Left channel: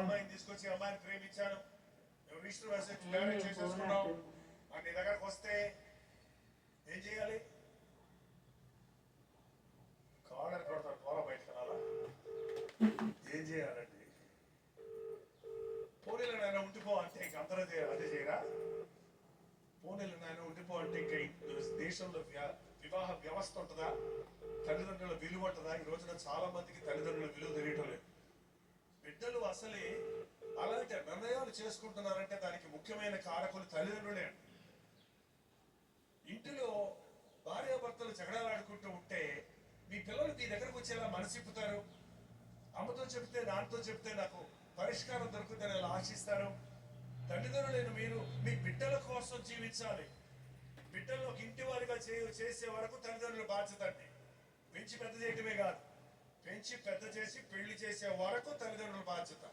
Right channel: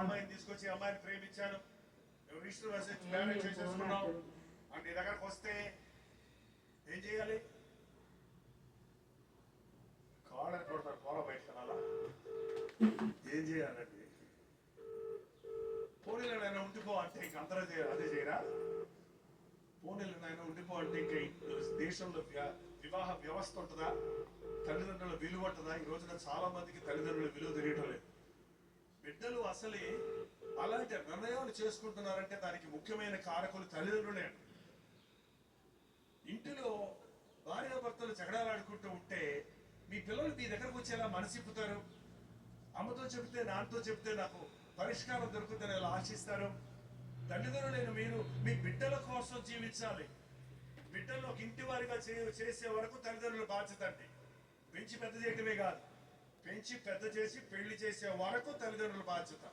అమ్మాయిని తీసుకొచ్చి అమ్మాయిని ప్రేమించాను, రిజిస్టర్ మ్యారేజ్ చేసేసుకున్నావు అంటే నీ దగ్గరకు వస్తే ఏం చేయాలి? కాళ్ళని కొడతారు, కాళ్ళ బయట రాలా? ఏం చేయాలండి? పోనీలో నాయన ఉండిపో అంటే ఇంక అందరూ అదే చేయరా? పోనీలో నాయన ఉండిపో అంటే ఇంకా దేశంలో వివాహ వ్యవస్థ ఉంటుందా? తల్లిదండ్రుల విలువ ఉంటుందా? ఈ రోజున చాలా మందికి తల్లిదండ్రుల విలువ తెలియటం లేదు. బిడ్డలు అసలే అలాంటి నిర్ణయాలు చేసుకుంటున్నారంటే దానికి ముఖ్యమైన కారకులు తల్లిదండ్రులే. ఇంటిలో భార్యాభర్తలు జగడాలాడుకుంటూ ఉంటే మీ పిల్లలు మీ దగ్గరకు వచ్చేలా మనసిప్పుతారు. అమ్మతో చెప్తే నాన్నతో చెప్తే నాకు పరిష్కారం దొరుకుతుందని ఎలా ఆశిస్తారు? తల్లిదండ్రులైన మీరు మీ బిడ్డల కోసం జీవించాలి. బిడ్డలు ఒక ఇంటి వారిగా చేసే వరకు తల్లిదండ్రుల బాధ్యత అండి. పెంచి పెద్ద చేయటమే కాదు, పెంచి పెద్ద చేసి పెళ్లి చేసే వరకు తల్లిదండ్రుల బాధ్యత.